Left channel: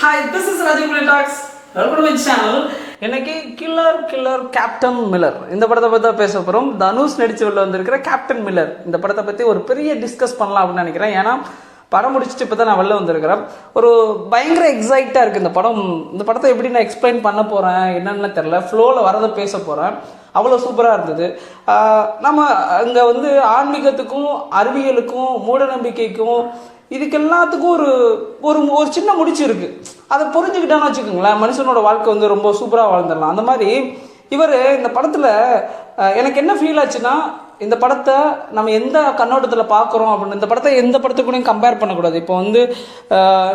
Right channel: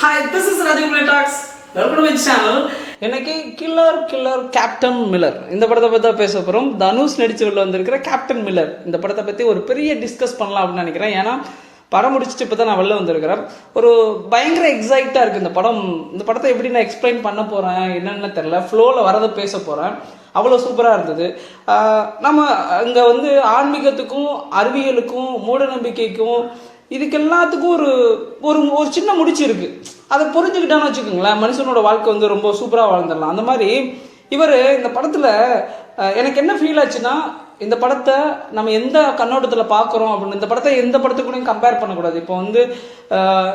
Hi, this is Rajiv talks. Welcome to my channel. எனக்கு killer Captain Miller இந்த படத்தை பற்றி தான் பேச போகிறோம். தனுஷ் நடிச்சு உள்ள வந்திருக்கிற கேப்டன் மில்லர் இந்த படத்தை பற்றி ஒரு பெரிய டிஸ்கஸ் பண்ணலாம் அப்படின்னு நினைக்கிறேன். ஏன்னா படம் முடிச்சுட்டு இப்போ தான் நான் வெளில வந்திருக்கிறேன். ஒரு பயங்கர எக்ஸைட்டாக இருக்குது இந்த படம். இந்த படத்தை எப்படி நான் எக்ஸ்பிளைன் பண்ண போகிறேன் என்னன்னு தெரில. ஃப்ளோவில் வரதை பேச போகிறேன். அவ்வளோ சூப்பராக இருந்தது. நம்ம இங்கே வந்து ஆன்மீகத்துக்கும் அறிவியலுக்கும் மூட நம்பிக்கைக்கும் இதுக்கு எல்லாத்துக்கும் ஒரு ஒரு ஒரு சின்ன முடிச்சு இருக்கு. அதை புரிஞ்சுக்கிட்டான்னு வச்சுக்கோங்களேன், மனுஷனோட வாழ்க்கை வந்து ரொம்ப சூப்பராக வாழ்ந்துடலாம். அந்த மாதிரி இவர் இந்த படத்தில் எனக்கு என்ன ஃபீல் ஆச்சுன்னா, இந்த படத்தை நம்ம எந்த கண்ணோட்டத்தில் பார்க்குறோம் அப்படின்னு இந்த படத்தை எந்த படத்துக்கூடையும் கம்பேர் பண்ணக்கூடாது. இப்போ வந்து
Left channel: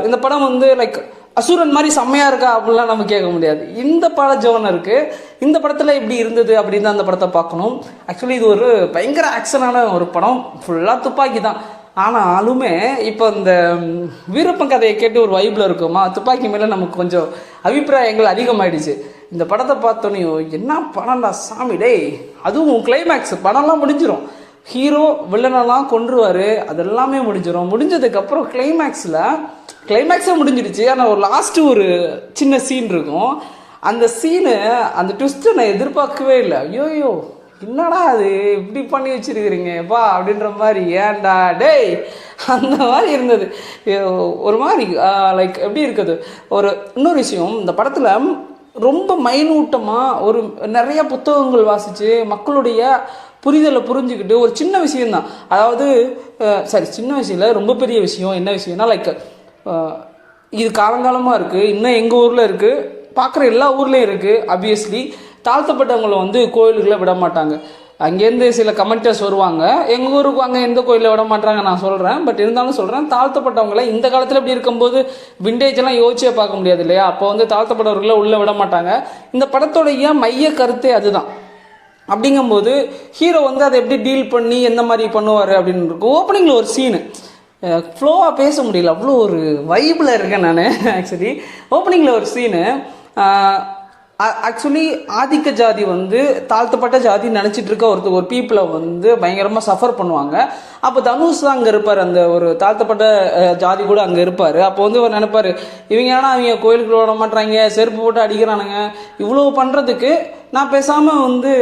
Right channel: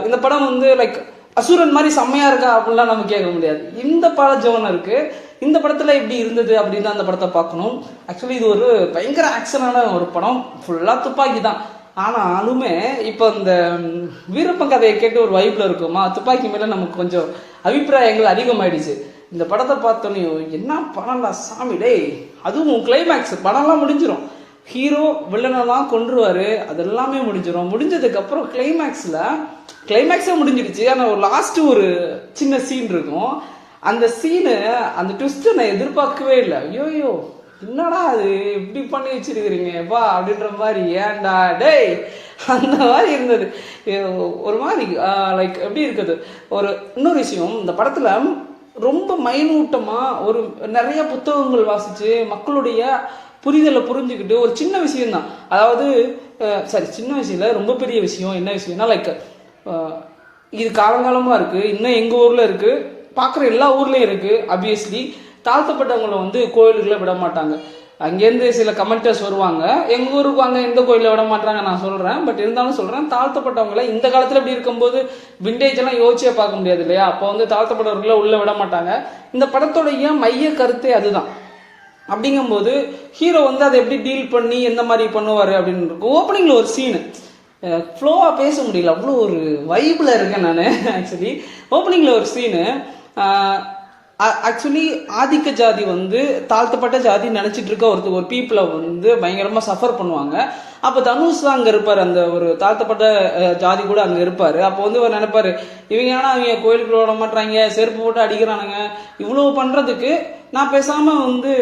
இந்த படம் வந்து லைக் அசுரன் மாதிரி செம்மையா இருக்கா அப்படின்லாம் நம்ம கேட்க முடியாது. இந்த பட ஜோன் இருக்கு, இந்த படத்துல எப்படி இருந்தது அப்படின்னு தான் அந்த படத்தை பார்க்கணும். ஆக்சுவலி இது ஒரு பயங்கர ஆக்ஷனான ஒரு படம், ஃபுல்லா துப்பாக்கி தான். ஆனாலுமே இப்போ இந்த வீரப்பன் கதையை கேட்டு ஒரு வைப்ல இருக்குமா, துப்பாக்கி மேல நமக்கு கொஞ்சம் அபிப்பிராயங்கள் அதிகமாயிடுச்சு. இந்த படத்தை பார்த்தோன்னே என்ன படம்டா சாமி டே. அதுவும் கிளைமேக்ஸ் படம்லாம் முடிஞ்சிடும், ஹீரோ வில்லனெல்லாம் கொன்றுவாரு, அதெல்லாமே முடிஞ்சிடும். முடிஞ்சதுக்கு அப்புறம் கிளைமேக்ஸே முடிஞ்சிடுச்சு. ஆனால் ஒரு லாஸ்ட் ஒரு சின்ன சீன் இருக்கும். அந்த சீனு அந்த ட்விஸ்ட் நான் எதிர்பார்க்கவே இல்லை. ஐயோயோ என்னடா அது இப்படி பண்ணி வச்சிருக்கிறீங்க பா அப்படின்ற மாதிரி, ஏன்டா டேய் அந்த மாதிரி இருந்தது. ஒரு மாதிரி லைக் எப்படி இருக்குது. ஒரு இன்னொரு விஷயம், இந்த படத்துல ரொம்ப மைனூட்டமா ஒரு நிறைய புத்தகங்கள் வாசிச்சு மக்களுடைய புரிதலை புரிஞ்சுக்கிட்டு ஒரு சின்ன விஷயம்தான், அதாவது சரி சின்ன விஷயம் இல்லை, ரொம்ப பெரிய விஷயம். என்ன விஷயம்னா லைக் இது காலங்காலமாக இருக்குது, இன்னும் எங்கள் ஊரில் இருக்குது, பார்க்குற எல்லா ஊர்லேயும் இருக்குது. ஆப்வியஸ்லி தாழ்த்தப்பட்டவங்களை வந்து கோயிலுக்குள்ளே விட மாட்டாங்க. அங்கேருந்து சில கமெண்டர்ஸ் வருவாங்க, எங்கள் ஊருக்கு வாங்க எந்த கோயிலில் விட மாட்டாங்க நான் சொல்கிறேன். பட் இருந்தாலும் சொல்கிறேன், தாழ்த்தப்பட்டவங்களை இந்த காலத்தில் இப்படி இருக்கும்போது விண்டேஜ் எல்லாம் யோசிச்சே பார்க்க முடியாது இல்லையா. அப்போ வந்து தாழ்த்தப்பட்டவர்களை உள்ளே விட மாட்டாங்க. இந்த படத்தோடைய மைய கருத்தே அதுதான். அப்படிங்கும்போது ஹீரோ வந்து அதை எப்படி டீல் பண்ணி எந்த மாதிரி பண்ணுவார் அப்படின்னு இருக்கும். ஓப்பனிங்கில் ஒரு சீனு ஃப்ளோவாக பேச முடியல, அவ்வளோ ஒரு வைப்பில் இருக்கேன் நான். ஆக்சுவலி ஓப்பனிங்கில் ஒரு சீனு, ஆக்சுவலி ஆதிக்க ஜாதி வந்து தாழ்த்தப்பட்ட ஜாதி நினச்சிட்டு இருக்க ஒரு பீப்புளை வந்து பயங்கரமாக சஃபர் பண்ணுவாங்க. அப்போ தனுஷ் தான் அங்கே இருப்பார், அந்த ஒரு தாழ்த்தப்பட்ட ஜாதி கூட அங்கே இருப்பார். அப்போ வந்து அவர் நினைப்பார், இவங்க ஏன்னா அவங்க கோயிலுக்குள்ள விட மாட்டாங்க, செருப்பு போட்டு அடிக்கிறானுங்க, இவ்வளோ பண்ணுறதுக்கு நான் பேசாமல் வந்து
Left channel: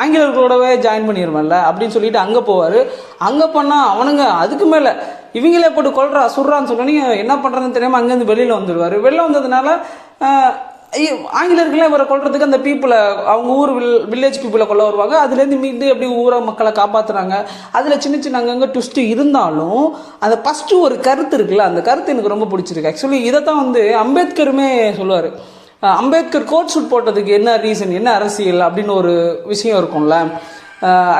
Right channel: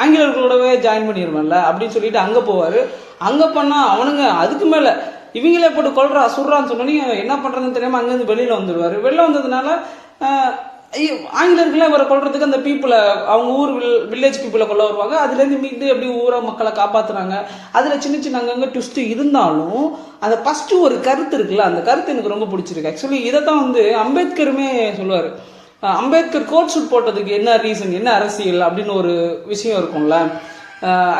ஆங்கிலேயர்களோடவே ஜாயின் பண்ணிடுவேன்ல அப்படின்னு சொல்லிட்டு அங்கே போவார். அங்கே பண்ணால் அவனுங்க அதுக்கு மேலே இவங்களே போட்டு கொள்றா சுடுறான்னு சொல்லி என்ன பண்ணுறதுன்னு தெரியாமல் அங்கேருந்து வெளியில் வந்துடுவார். வெளில வந்ததுனால ஆங்கிலேயர்களே அவரை கொள்றதுக்கு அந்த பீப்புளை, அவங்க ஊர் வில்லேஜ் பீப்புளை கொள்ள வருவாங்க. அதுலேருந்து மீண்டு எப்படி ஊரை மக்களை காப்பாற்றுறாங்க. அதில் சின்ன சின்ன அங்கங்கே ட்விஸ்ட் இருந்தாலும் அந்த ஃபஸ்ட்டு ஒரு கருத்து இருக்குல்ல, அந்த கருத்து எனக்கு ரொம்ப பிடிச்சிருக்கு. ஆக்சுவலி இதை தான் வந்து அம்பேத்கருமே சொல்லுவார். அம்பேத்கர் கோட் ஷூட் போட்டதுக்கு என்ன ரீசன், என்ன அரசியல் அப்படின்னு ஒரு விஷயம் இருக்கும்ல.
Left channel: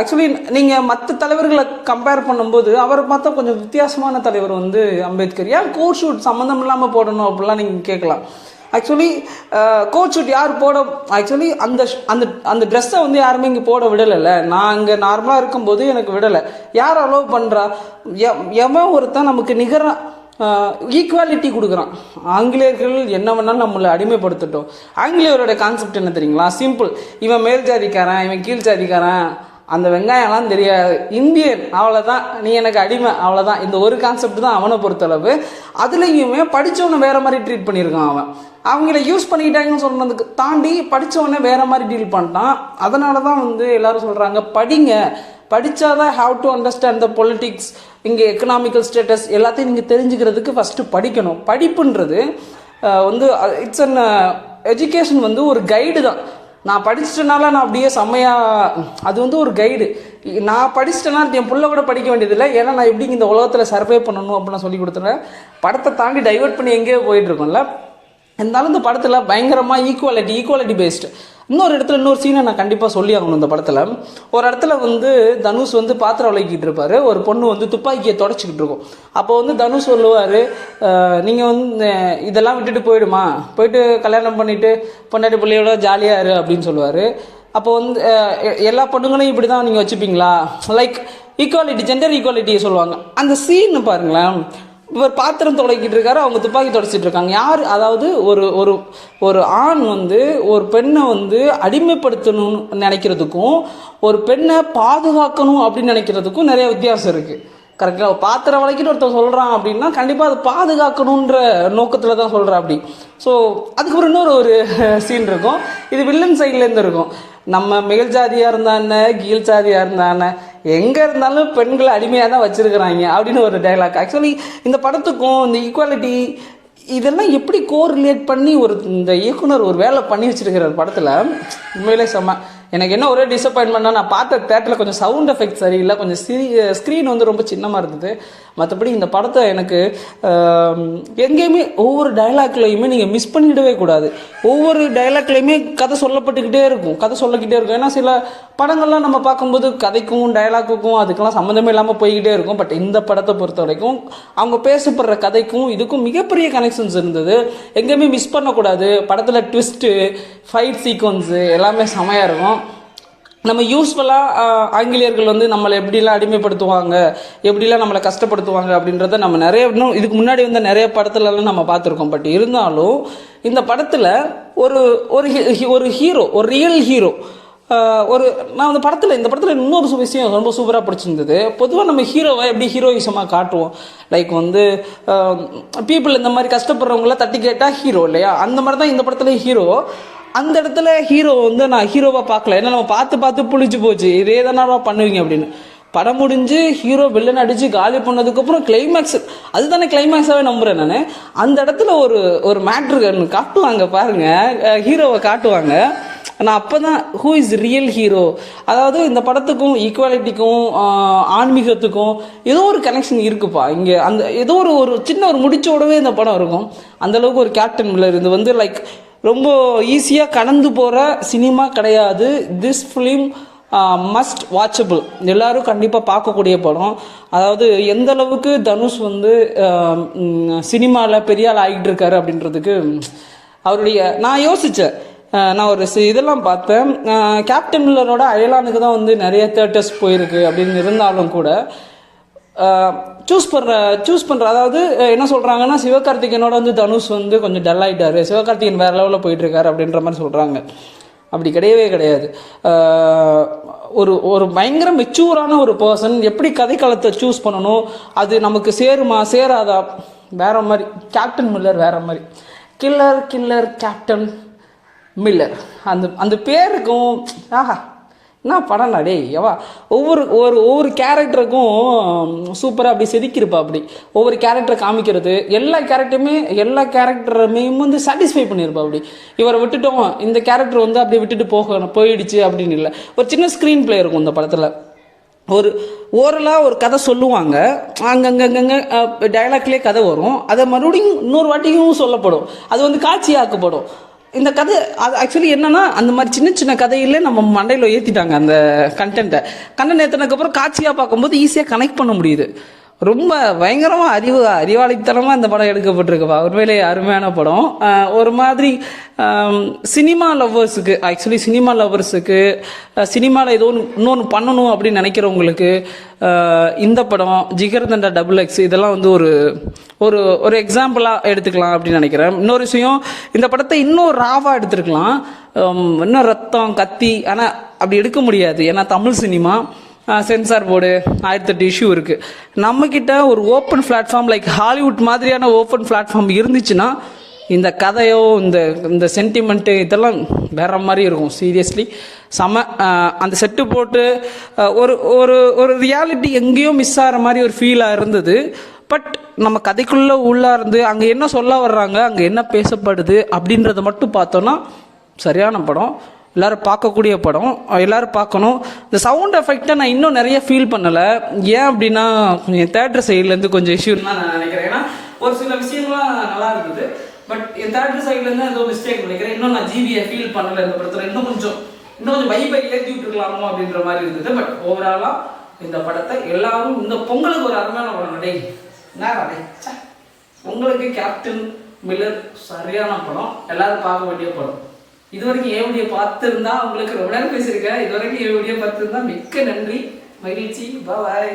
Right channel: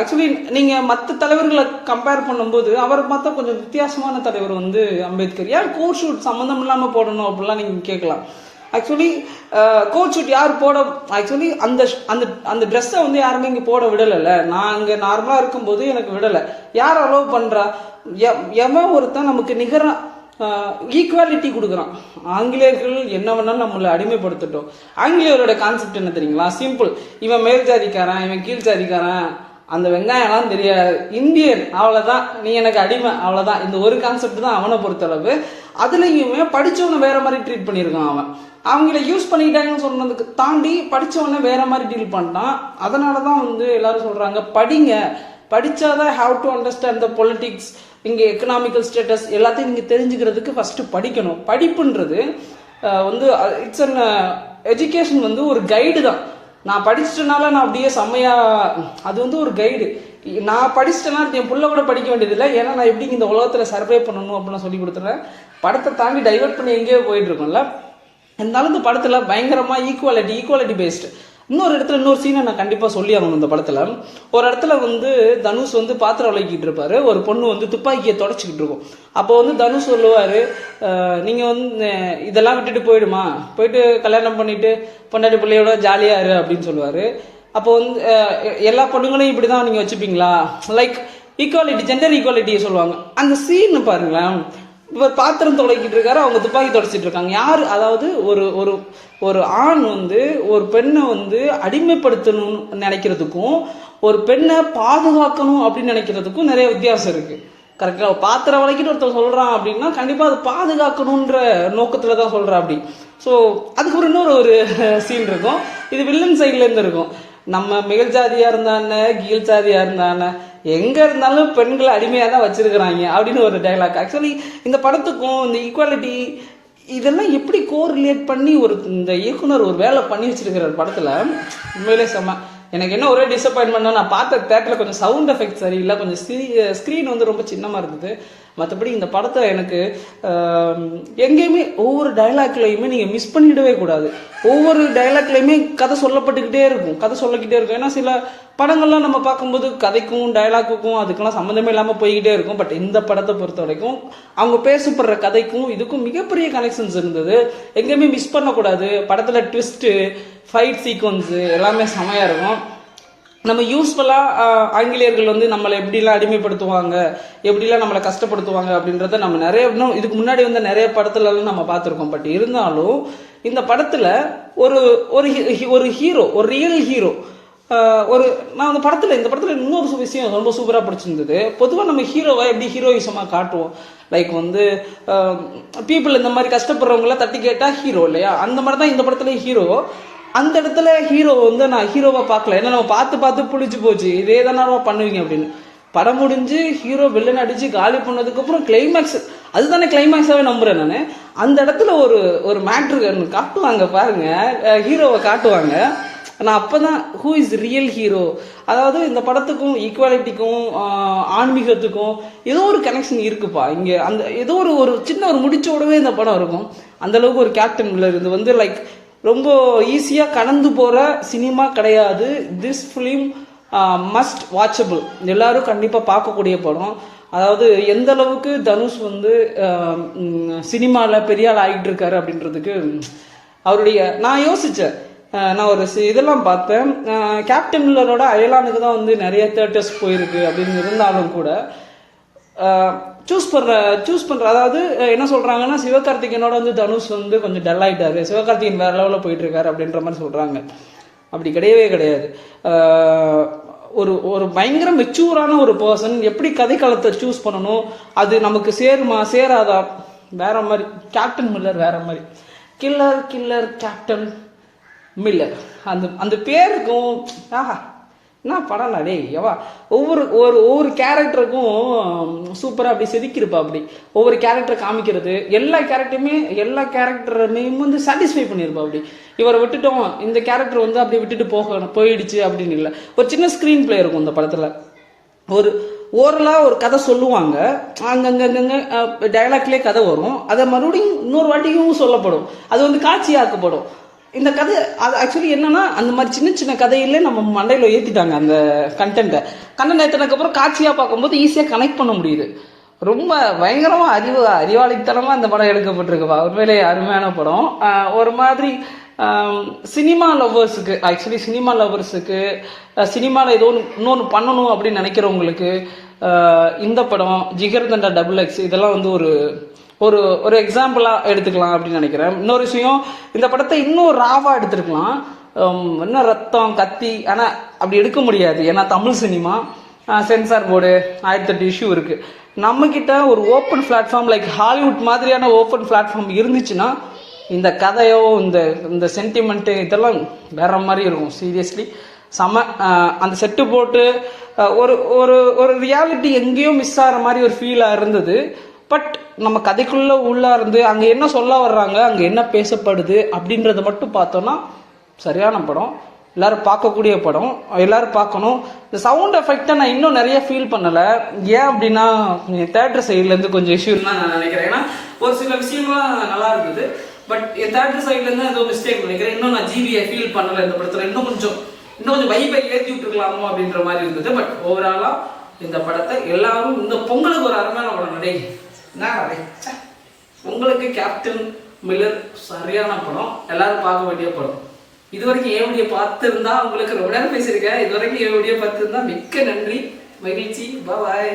ஆக்சுவலி நீங்கள் மற்ற தலைவர்களை கம்பேர் பண்ணும்போது அவரை பார்த்தா கொஞ்சம் வித்தியாசமான தலைவர் வந்து அம்பேத்கர். ஏன் கோட் ஷூட் சம்மந்தம் இல்லாமல் போடணும் அப்படிலாம் நீங்கள் கேட்கலாம். ஆக்சுவலி கோட் ஷூட் யார் போட, ஆக்சுவலி அந்த அந்த அந்த ட்ரெஸ்ஸை வந்து யாருமே இங்கே போட விடலைல்ல. நான் இங்கே நார்மலாக இருக்கும்போது எனக்கு விடலை. யார் அலோவ் பண்ணுறா? எவன் ஒருத்தன் நமக்கு நிகர ஈக்குவாலிட்டி கொடுக்குறான். ஆங்கிலேயர்கள் என்ன வேணாலும் நம்மளை அடிமைப்படுத்தட்டும். ஆங்கிலேயரோட கான்செப்ட் என்ன தெரியுங்களா? சிம்பிள், இவன் மேல் ஜாதிக்காரன், இவன் கீழ் ஜாதிக்காரன், அந்த வெங்காயம்லாம் தெரியாது, இந்தியன் அவ்வளோதான், நீ எனக்கு அடிமை அவ்வளோதான். இந்த ஒரு கான்செப்ட் தான் அவனை பொறுத்தளவு. அதுலேயுமே படித்தவனை வேற மாதிரி ட்ரீட் பண்ணியிருக்கான். அவங்கள யூஸ் பண்ணிக்கிட்டாங்கன்னு சொன்னதுக்கு தாண்டி படித்தவொடனே வேற மாதிரி டீல் பண்ணிட்டான். அதனால தான் வந்து எல்லாரும் சொல்கிறாங்க படிங்க, படித்தாதான் have to understand the politics, இங்கே எக்கனாமிக்கல் ஸ்டேட்டஸ் எல்லாத்தையும் நீங்கள் தெரிஞ்சுக்கிறதுக்கு ஃபஸ்ட்டு படிக்கணும். படிப்புன்றது வந்து இட்ஸ் அன் எஜுகேஷன், வந்து ஒரு கைடு தான். நான் படிச்சிட்டனால நான் அப்படியே செம்மையா, அது வந்து ஒரு கைடு. நான் படிச்சிட்டேன்னா என் புள்ள கூட படிக்க வேண்டியதில்லை. ஏன்னா நான் எப்படி இந்த உலகத்தில் சர்வே பண்ணணும் அப்படின்னு சொல்லி கொடுத்தேன். படத்தை தாண்டி டைவர்ட் பண்ணி எங்கேயோ போயிட்டு இருக்கோம்ல. இருந்தாலும் இந்த படத்தில் பயங்கரமாக ஈக்குவாலிட்டி பேஸ்டு. இன்னொரு இடத்துல இன்னொரு சீனை நான் கண்டிப்பாக சொல்லி ஆகணும். இந்த படத்தில் ஒரு இடத்துல வந்து தனுஷ் வந்து பாத்திரம் விளக்கிட்டு இருப்பாரு, ஒரு பொண்ணு வந்து துப்பாக்கியை தொடச்சிக்கிட்டு இருக்கும். அப்போ வந்து தனுஷ் சொல்லுவார், நீங்கள் வந்து இதெல்லாம் விட்டுட்டு போயிட்டு கல்யாணம் பண்ணிட்டு பொண்டாட்டி பிள்ளையோட ஜாலியாக இரு அப்படின்னு சொல்லுவார். அப்போ வந்து எல்லா பொண்ணுங்களையும் இப்படி தான் நீங்கள் வச்சுப்பீங்களா, லைக் ஈக்குவாலிட்டி, ஜெண்டர் ஈக்குவாலிட்டியை சொல்லுவாங்க. அந்த சீன் பாருங்களேன், இவர் பாத்திரம் தொடக்கிட்டு இருக்காரு, அவங்க துப்பாக்கி தொடச்சிட்டு இருக்காங்க. யார், அதாவது ஒரு ஒரு ஒரு ஆண் வந்து ஒரு பெண்ணை வந்து அடிமைப்படுத்தணும்னு நினைக்கிறதுக்கும் ஒரு பெண்ணை பாதுகாக்கணும் அப்படின்னு நினைக்கிறதுக்கும் நிறைய வித்தியாசம் இருக்கு. கரெக்டாக பாத்திரம் வளைக்கிட்டு ஒருத்தர் சொல்கிறான் அப்படின்னா கண்டிப்பாக அது பாதுகாக்கணுன்ற நோக்கத்தில் தான் சொல்கிறா அப்படி. ஸோ அதுக்கப்புறம் இன்னொரு ஒரு சீன் இருக்கும், இது வில்லன் சைட்லேருந்து இருக்கும். நம்ம மேல் ஜாதியாக இருந்தானே கீழ் ஜாதியாக இருந்தானே எங்கே இருந்தாலும் பெண்களை அடிமையாக தான் வச்சுருக்கிறாங்க அப்படின்னு ஒரு டைலாக். ஆக்சுவலி இந்த படத்துக்கும் இந்த ஈக்குவாலிட்டி இதெல்லாம் எப்படி கோரிலேட் பண்ணி இந்த இயக்குனர் ஒரு வேலை பண்ணி வச்சிருக்கிற படத்தில் உண்மையிலே செம்ம. எனக்கு என்ன ஒரே டிசப்பாயின்மெண்ட்னா, நான் பார்த்த தேட்டரில் கொஞ்சம் சவுண்ட் எஃபெக்ட் சரியில்லை, கொஞ்சம் ஸ்க்ரீன் வந்து ரொம்ப சின்னமாக இருந்தது. மற்றபடி இந்த படத்தை எனக்கு எங்கேயுமே ஒவ்வொரு டைலாக்லையுமே நீங்கள் மிஸ் பண்ணிடவே கூடாது. ஒவ்வொரு டைலாக்லையுமே கதை சொல்லப்பட்டுக்கிட்டே இருக்கும், கதை சொல்லிக்கிட்டே இருக்கும். ஏன்னா சில படங்கள்லாம் நம்ம பார்க்கும்போது கதைக்கும் டைலாக்குக்கும் அதுக்கெல்லாம் சம்மந்தமே இல்லாமல் போய்கிட்டே இருக்கும். பட் இந்த படத்தை பொறுத்த வரைக்கும் அவங்க பேசப்படுற கதைக்கும் இதுக்கும் மிகப்பெரிய கனெக்ஷன்ஸ் இருந்தது. எங்கேயுமே மிஸ் பண்ணக்கூடாது. படத்தில் ட்விஸ்ட்டு, ஃபைட் சீக்வன்ஸு எல்லாமே செமையாக இருக்கும். நம்ம யூஸ்ஃபுல்லாக ஆங்கிலேயர்கள் வந்து நம்மளை எப்படிலாம் அடிமைப்படுத்துவாங்க, எப்படிலாம் நம்மளை கஷ்டப்படுத்துவாங்க அப்படின்றத நம்ம இன்னும் இதுக்கு முன்னாடி வந்து நிறைய படத்துலலாம் நம்ம பார்த்துருக்கோம். பட் இருந்தாலும் இந்த படத்தில் ஒரு ஹீரோ, ஒரு ரியல் ஹீரோ, நான் இந்த படத்தில் இன்னொரு விஷயம் ரொம்ப சூப்பராக பிடிச்சிருந்தது. பொதுவாக நம்ம ஹீரோவை எப்படி ஹீரோயிசமாக காட்டுவோம், லைக் வந்து பீப்புள் இந்த மாதிரி கஷ்டப்படுறவங்களாம் தட்டி கேட்டால் ஹீரோ இல்லையா, அந்த மாதிரி தான் இந்த படத்தில் ஹீரோ. அந்த இடத்துல ஹீரோ வந்து நான் ஹீரோவாக பார்க்கல, ஏன்னா நம்ம பார்த்து புளிச்சு போச்சு, இதே தானே பண்ணுவீங்க அப்படின்னு. படம் முடிஞ்சு ஹீரோ வில்லன் அடித்து காலி பண்ணதுக்கப்புறம் கிளைமேக்ஸ், அதுதானே கிளைமேக்ஸாகவே நம்புகிறேன் நான். அந்த இடத்துல ஒரு மேட்ரு காட்டுவாங்க பாருங்கள், ஹீரோவை காட்டுவாங்க. நான் அப்போ தான் ஹூ இஸ் ரியல் ஹீரோ, அதாவது இந்த படத்துக்கும் ஈக்குவாலிட்டிக்கும் ஆன்மீகத்துக்கும் ஏதோ ஒரு கனெக்ஷன் இருக்குப்பா இங்கே. அந்த ஏதோ ஒரு சின்ன ஒரு முடிச்சோடவே இந்த படம் இருக்கும். அந்தளவுக்கு ஒரு கேப்டன் மில்லர் இது வந்து லைக் ரொம்ப ஈஸியாக கடந்து போகிற சினிமா கிடையாது. திஸ் ஃபிலிம் மஸ்ட் வாட்சபிள், எல்லாரும் கண்டிப்பாக பார்க்கக்கூடிய படம். அதாவது எந்த அளவுக்கு தனுஷ் வந்து சினிமாவில் பெரிய ஆள் ஆகிட்டு இருக்காரு அப்படின்றதுக்கு அவருடைய நான் யோசித்தேன். நான் ஒரு இதெல்லாம் பார்த்தேன், கேப்டன் மில்லரோட அயலானுக்கு தான் வந்து நிறைய தேட்டர்ஸ் போயிருக்கு அப்படின்னு இருந்தாலும் கூட சூஸ் பண்ணுற அதாவது என்ன சொல்கிறாங்கன்னா, சிவகார்த்திகேயனோட வந்து தனுஷ் வந்து கொஞ்சம் டல் ஆகிட்டாரு, சிவகார்த்திகேயன் வேறு லெவலில் போயிட்டுருக்காரு அப்படின்ற மாதிரி சொல்கிறாங்க. அப்படி கிடையவே கிடையாது. ஒரு பயங்கர மெச்சூரான ஒரு பர்சன் எப்படி கதைக்களத்தை சூஸ் பண்ணணும், அது நமக்கு சேருமா சேராதா, வேற மாதிரி. கேப்டன் மில்லர் வேற மாதிரி, கில்லர் கேப்டன் மில்லர், அந்த பேருக்கும் ஆஹா என்ன படம் டே எவா. ஒவ்வொரு கேரக்டருக்கும் சூப்பராக அப்படி செதுக்கியிருப்பா. அப்படி ஒவ்வொரு கேரக்டரை காமிக்கிறது, எல்லா கேரக்டருமே வந்து சாட்டிஸ்ஃபை பண்ணியிருப்பா. அப்படி இவரை விட்டுட்டோம், இந்த கேரக்டர் வந்து அப்படி விட்டுட்டு போயிடுச்சு அப்படின்னு இல்லை. ஒரு சின்ன ஸ்க்ரீன் பிளே இருக்கும் இந்த படத்தில். ஓரலாக ஒரு கதை சொல்லுவாங்க, அங்கங்கே டைலாக்லேயே கதை வரும், அதை மறுபடியும் இன்னொரு வாட்டியும் சொல்லப்படும், அது வந்து காட்சியாக்கப்படும். இந்த கதை அது ஆக்சுவலி என்னன்னா, அந்த மாதிரி சின்ன கதையிலே நம்ம மண்டையில் ஏற்றிட்டாங்க அந்த கண்டென்ட்டை. கண்டென்ட் ஏற்றினதுக்கப்புறம் காட்சியாக பார்க்கும்போது ஈஸியாக கனெக்ட் பண்ண முடியுது. ரொம்ப பயங்கரமாக அறிவாளித்தனமாக இந்த படம் எடுக்கப்பட்டிருக்குப்பா. உண்மையிலேயே அருமையான படம். ஒரு மாதிரி சினிமா லவ்வர்ஸுக்கு, ஆக்சுவலி சினிமா லவ்வர்ஸுக்கு சினிமாவில் ஏதோ இன்னொன்று பண்ணணும் அப்படின்னு நினைக்கிறவங்களுக்கு இந்த படம் ஜிகர்தண்டா XX இதெல்லாம் வந்து ஒரு எக்ஸாம்பிளாக எடுத்துக்கலாம் அப்படின்னு நினைக்கிறேன். இன்னொரு விஷயம், இந்த படத்தை இன்னும் ராவாக எடுத்துருக்கலாம், இன்னும் ரத்தம் கத்தி, ஆனால் அப்படி எடுக்க முடியாது. ஏன்னா Tamil cinema censor board 1008 issue இருக்குது. நம்மக்கிட்ட ஒரு ஓப்பன் பிளாட்ஃபார்ம் லைக் ஹாலிவுட் மாதிரியான ஓப்பன் பிளாட்ஃபார்ம் இருந்துச்சுன்னா இந்த கதையோ இந்த சென்டிமெண்ட்டு இதெல்லாம் வேற மாதிரி இருக்கும். சீரியஸ்லி செம. அந்த செட்டு போட்டு ஒரு ரியாலிட்டி எங்கேயோ மிஸ் ஆகிற மாதிரி ஒரு ஃபீலாக இருந்தது. பட் நம்ம கதைக்குள்ளே உள்ளே இருந்து அங்கே என்ன சொல்ல வர்றாங்க, அங்கே என்ன பேசப்படுது அப்படின்றத மட்டும் பார்த்தோன்னா சரியான படம். எல்லோரும் பார்க்கக்கூடிய படம், எல்லோரும் பார்க்கணும். இந்த சவுண்ட் எஃபெக்டை நான் இன்னும் நிறைய ஃபீல் பண்ணலை. ஏன் அப்படின்னா என் தேட்டர் சைட்லேருந்து கொஞ்சம் இஷ்யூன்னு தான் நான் நினைக்கிறேன். ஏன்னா ஒரு சில விஷயங்கள்லாம் நல்லா இருந்தது, பட் என் தேட்டர் சைட்லேருந்து ஏதோ மிஸ்டேக் நினைக்கிறேன். இன்னும் நான் ஜிபியை ஃபீல் பண்ணலை இந்த படத்தில். இன்னும் கொஞ்சம் வைப்பை ஏற்றி விட்டுருக்கலாமோ அப்படின்ற மாதிரி இருந்தது. பட் ஓவராலாக இந்த படத்தை எல்லாரும் இந்த பொங்கலுக்கு ஒரு அருமையான படம் நடை பொங்கலுக்கு கேப்டன் மில்லர் சரியான படம், எல்லாரும் பார்க்க வேண்டிய படம். இதுவரைக்கும் என் வீடியோ பார்த்துருந்தா உங்களுக்கு ரொம்ப நேரம் பேசியிருக்கேன். இதுவரைக்கும் என் வீடியோ பார்த்துருந்தா மிக்க நன்றி, மகிழ்ச்சி, பாய்.